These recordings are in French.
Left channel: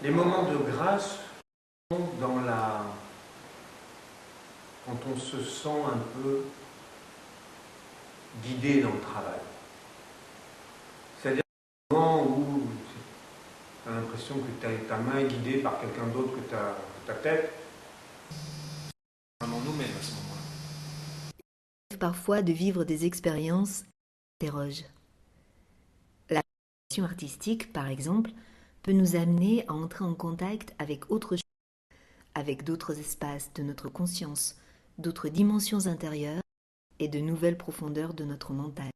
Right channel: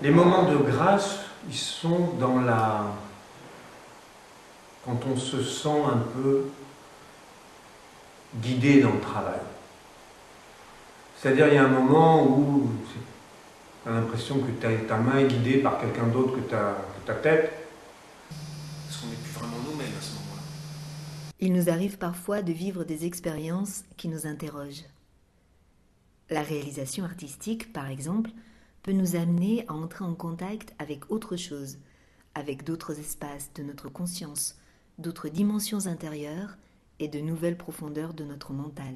Les moments de grâce, ils sont dans la... quand on se sent un peu guidé dans le travail. C'est-à-dire, il y a un moment où tu as l'impression que ta main est guidée par quelqu'un d'autre que ta tête, parce qu'on n'est plus vraiment nous-mêmes à ce moment-là. Il nous arrive parfois de vivre des expériences qui nous interrogent. La réalisation artistique, par exemple, peut nous amener à entrer en contact avec autre chose, avec d'autres espaces de notre conscience, d'autres dimensions intérieures et de nouvelles profondeurs de notre mental.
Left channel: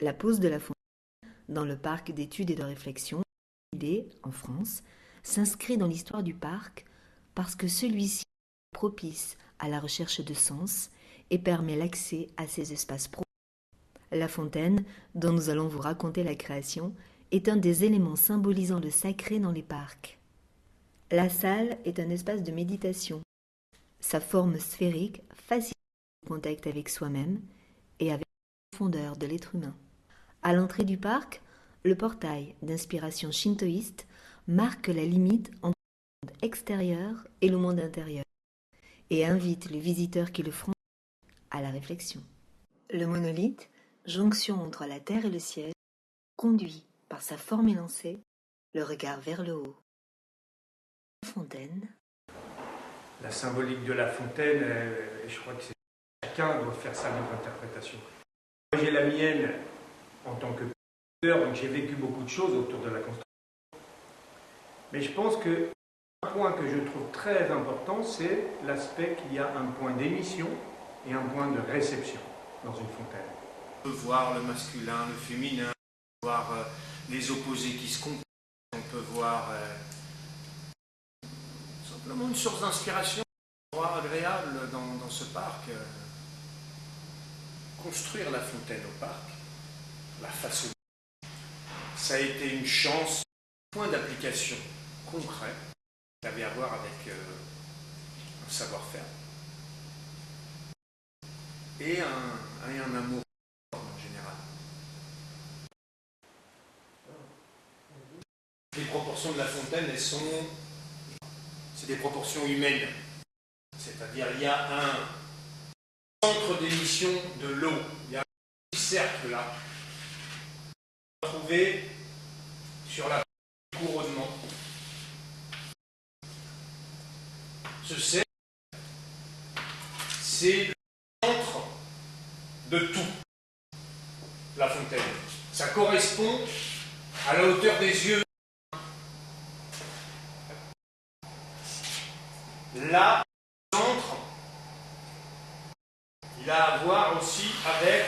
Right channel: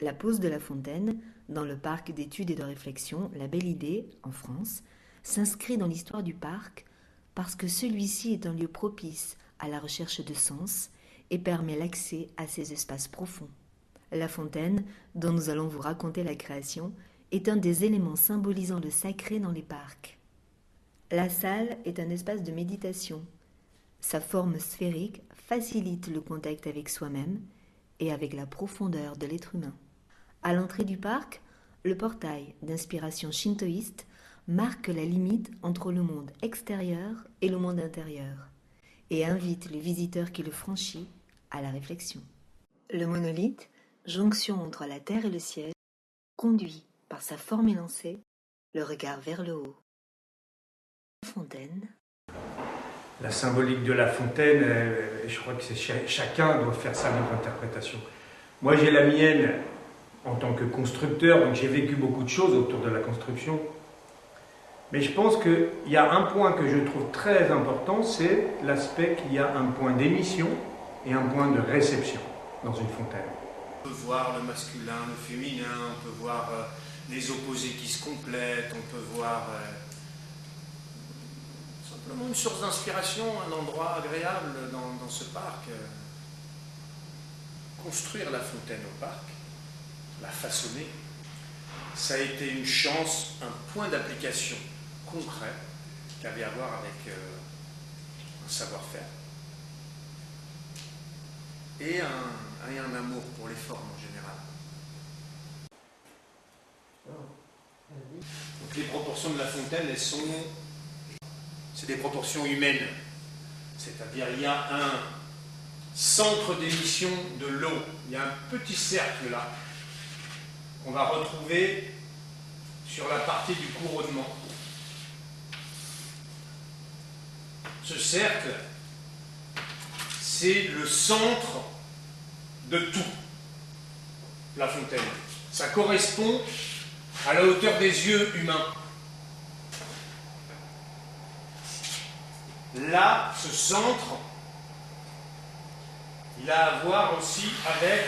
La pose de La Fontaine, dans le parc d'études et de réflexion La Belle Idée, en France, s'inscrit dans l'histoire du parc parce que celui-ci est un lieu propice à la recherche de sens et permet l'accès à ces espaces profonds. La Fontaine, dont nous allons vous raconter la création, est un des éléments symbolisant le sacré dans les parcs. La salle est un espace de méditation. Sa forme sphérique facilite le contact avec soi-même et avec la profondeur de l'être humain. À l'entrée du parc, le portail d'inspiration shintoïste marque la limite entre le monde extérieur et le monde intérieur et invite le visiteur qui le franchit à la réflexion. Le monolithe, jonction entre la terre et le ciel, conduit, par sa forme élancée, le regard vers le haut. La Fontaine. La symbolique de La Fontaine, je crois que chacun doit faire sa propre interprétation. Moi, j'ai la mienne en tant que constructeur, donc j'ai vécu beaucoup de choses autour de la construction. Mais je pense qu'il y a un point que je trouve très important, c'est l'aspect qu'il y a un point d'émission et un point de réception dans une fontaine. On peut voir le masculin, le féminin, on peut voir les opposés qui se complètent, on peut voir simplement une source d'inspiration, un endroit agréable dans ce parc. Construire la fontaine au parc, la façonner, ça a été une chance, un point d'application concret qui avait à voir avec un savoir-faire et un amour pour les formes en général. Donc les proportions de la fontaine, c'est des proportions humaines. C'est-à-dire il y a un centre d'émission de l'eau. Il y a un petit cercle là qu'on va retrouver sur la partie du couronnement. Ce cercle, c'est le centre de tout, la fontaine. Ça correspond à la hauteur des yeux humains. Là, ce centre, il a à voir aussi avec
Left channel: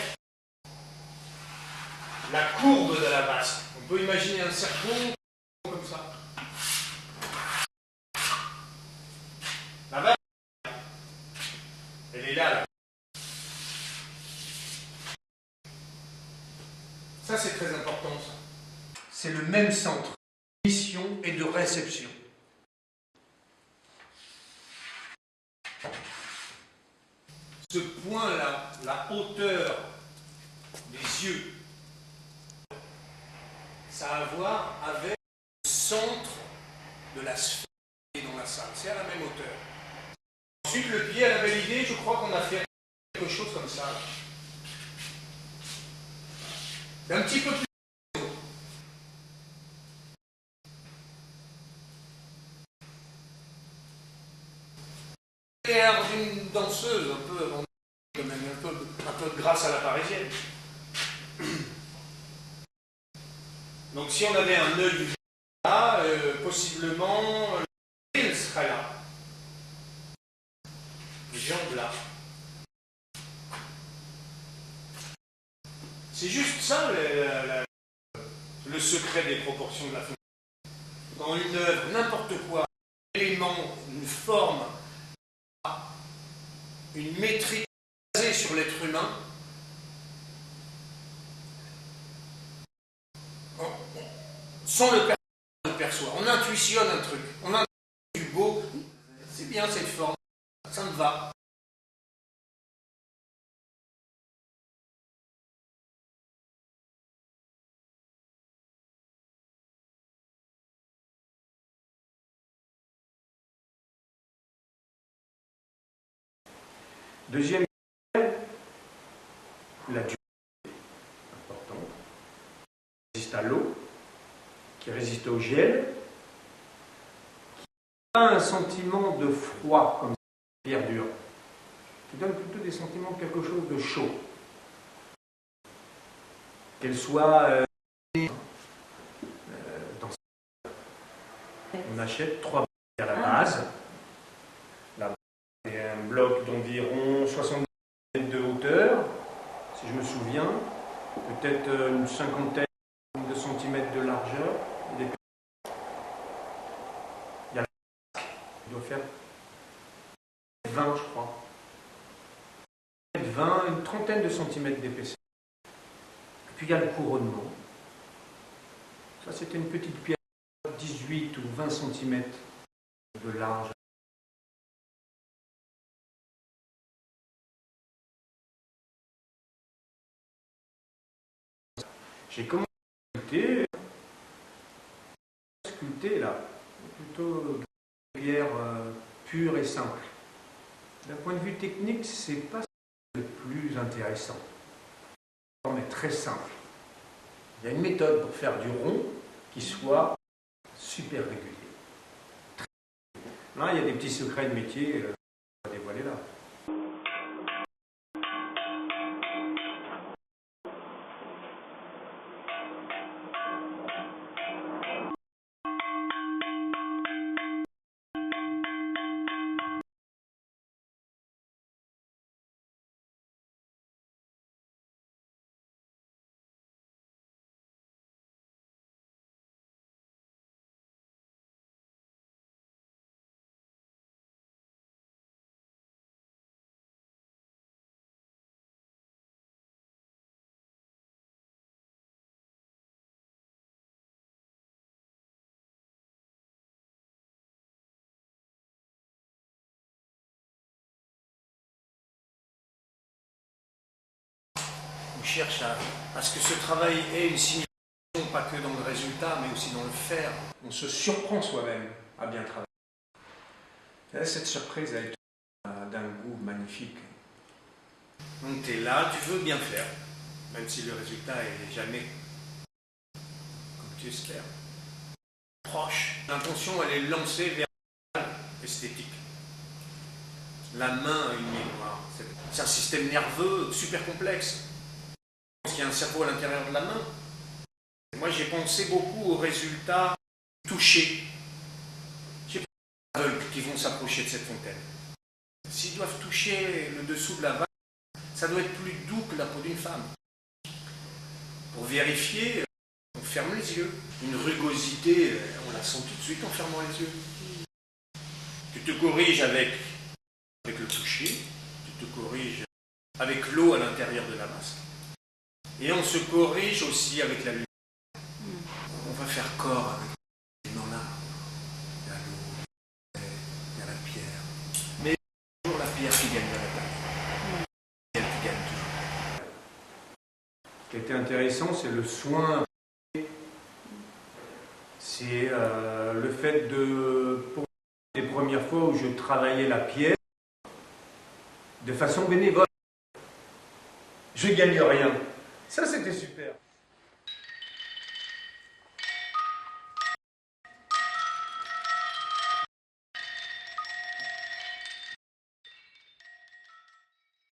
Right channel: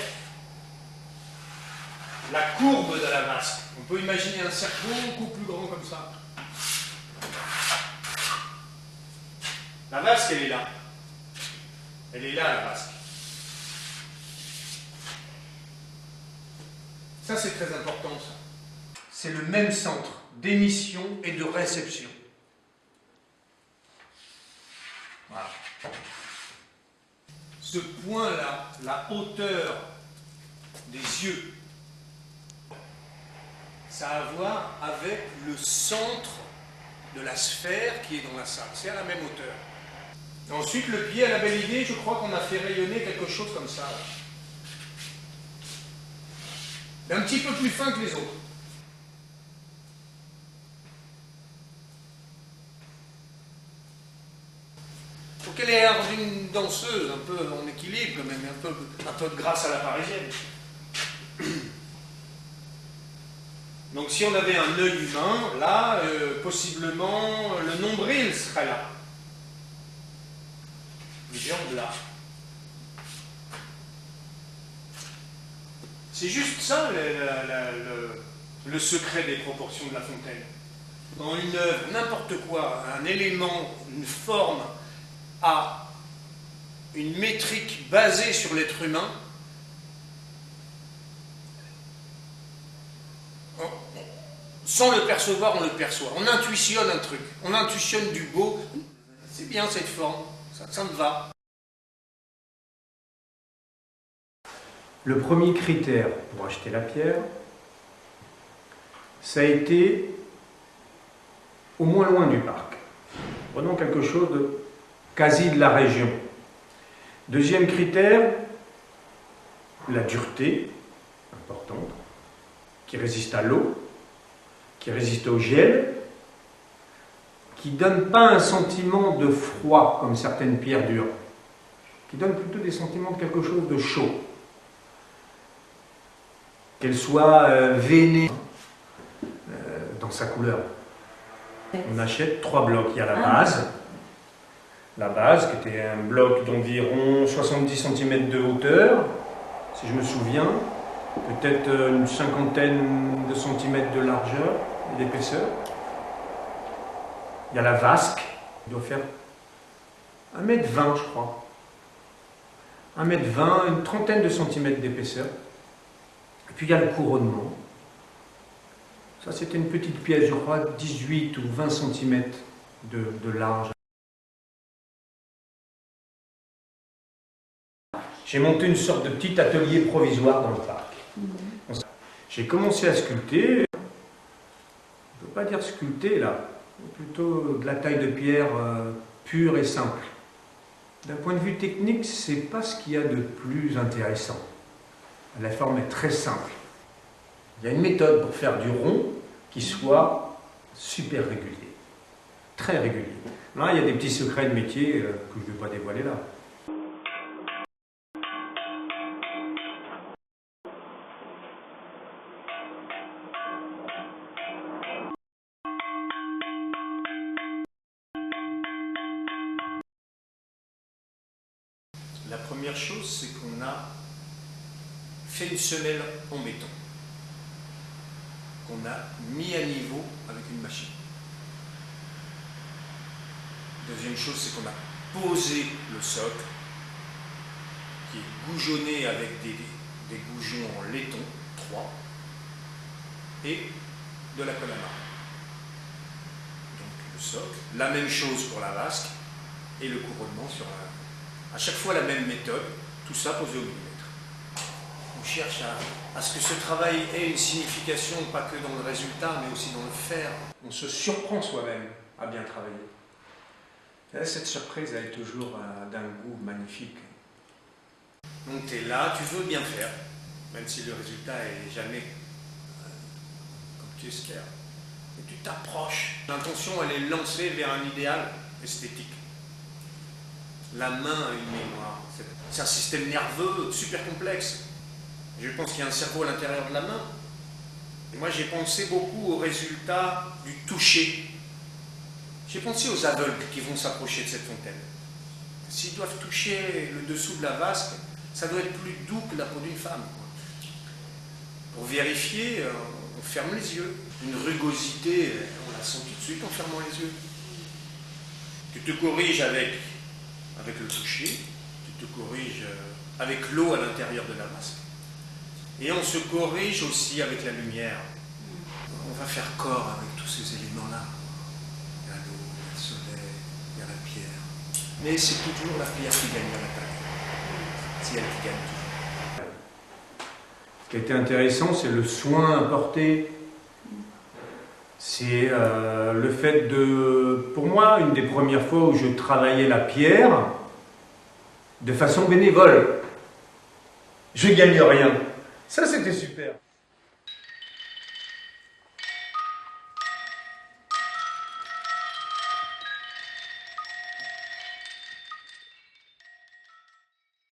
la courbe de la vasque. On peut imaginer un cercle beaucoup plus grand comme ça. La vasque, elle est là. Elle est là, la vasque. Ça, c'est très important, ça. C'est le même centre d'émission et de réception. Voilà. Ce point-là, la hauteur des yeux, ça a à voir avec le centre de la sphère qui est dans la salle. C'est à la même hauteur. Ensuite, le pied à La Belle Idée, je crois qu'on a fait rayonner quelque chose comme ça. D'un petit peu plus fin que les autres. Il faut qu'elle ait l'air d'une danseuse, un peu en équilibre quand même, un peu de grâce à la parisienne. Donc si on avait un œil humain, là, possiblement, le nombril serait là. Les jambes là. C'est juste ça le secret des proportions de La Fontaine. Dans une œuvre, n'importe quoi, un élément, une forme a une métrique basée sur l'être humain, sans le percevoir, on le perçoit. On intuitionne un truc, on intuitionne du beau. C'est bien cette forme, ça me va. Le premier critère pour acheter la pierre, ça a été au moins loin du parc. Prenons quelque chose de quasi de la région. Deuxième critère, la dureté, importante, qui résiste à l'eau, qui résiste au gel, qui ne donne pas un sentiment de froid comme certaines pierres dures, qui donne plutôt des sentiments de quelque chose de chaud. Qu'elle soit veinée dans sa couleur. On achète 3 blocs. Il y a la base qui était un bloc d'environ 70 cm de hauteur, si je me souviens, peut-être une cinquantaine de centimètres de largeur et d'épaisseur. Il y a la vasque, qui doit faire 1,20 m, je crois. 1,20 m, une trentaine de centimètres d'épaisseur. Et puis il y a le couronnement. Ça, c'était une petite pièce, je crois, 18 ou 20 cm de large. J'ai monté une sorte de petit atelier provisoire dans le parc. J'ai commencé à sculpter. On ne peut pas dire sculpter, là. Plutôt de la taille de pierre pure et simple. D'un point de vue technique, ce n'est pas ce qu'il y a de plus intéressant. La forme est très simple. Il y a une méthode pour faire du rond qui soit super régulier. Très régulier. Là, il y a des petits secrets de métier que je ne vais pas dévoiler là. La première chose, c'est qu'on a fait une semelle en béton, qu'on a mis à niveau avec une machine. Deuxième chose, c'est qu'on a posé le socle, qui est goujonné avec des goujons en laiton, 3, et de la colle à marbre. Donc le socle, la même chose pour la vasque, et le couronnement sur la... À chaque fois la même méthode, tout ça posé au millimètre. On cherche à ce que ce travail ait une signification, pas que dans le résultat, mais aussi dans le faire. On se surprend soi-même à bien travailler. Et cette surprise, elle est toujours d'un goût magnifique. Donc tu es là, tu veux bien faire, même si le résultat est jamais comme tu espères. Mais tu t'approches. L'intention, elle est lancée vers un idéal esthétique. La main a une mémoire. C'est un système nerveux super complexe. Je pense qu'il y a un cerveau à l'intérieur de la main. Moi, j'ai pensé beaucoup au résultat du toucher. J'ai pensé aux aveugles qui vont s'approcher de cette fontaine. S'ils doivent toucher le dessous de la vasque, ça doit être plus doux que la peau d'une femme. Pour vérifier, on ferme les yeux. Une rugosité, on la sent tout de suite en fermant les yeux. Tu te corriges avec le toucher, tu te corriges avec l'eau à l'intérieur de la vasque, et on se corrige aussi avec la lumière. On va faire corps avec tous ces éléments-là. Il y a l'eau, il y a le soleil, il y a la pierre. Mais c'est toujours la pierre qui gagne la bataille. C'est elle qui gagne toujours. Ce qui a été intéressant, c'est le soin apporté. C'est le fait de, pour moi, une des premières fois où je travaillais la pierre de façon bénévole. Je gagne rien. Ça, c'était super.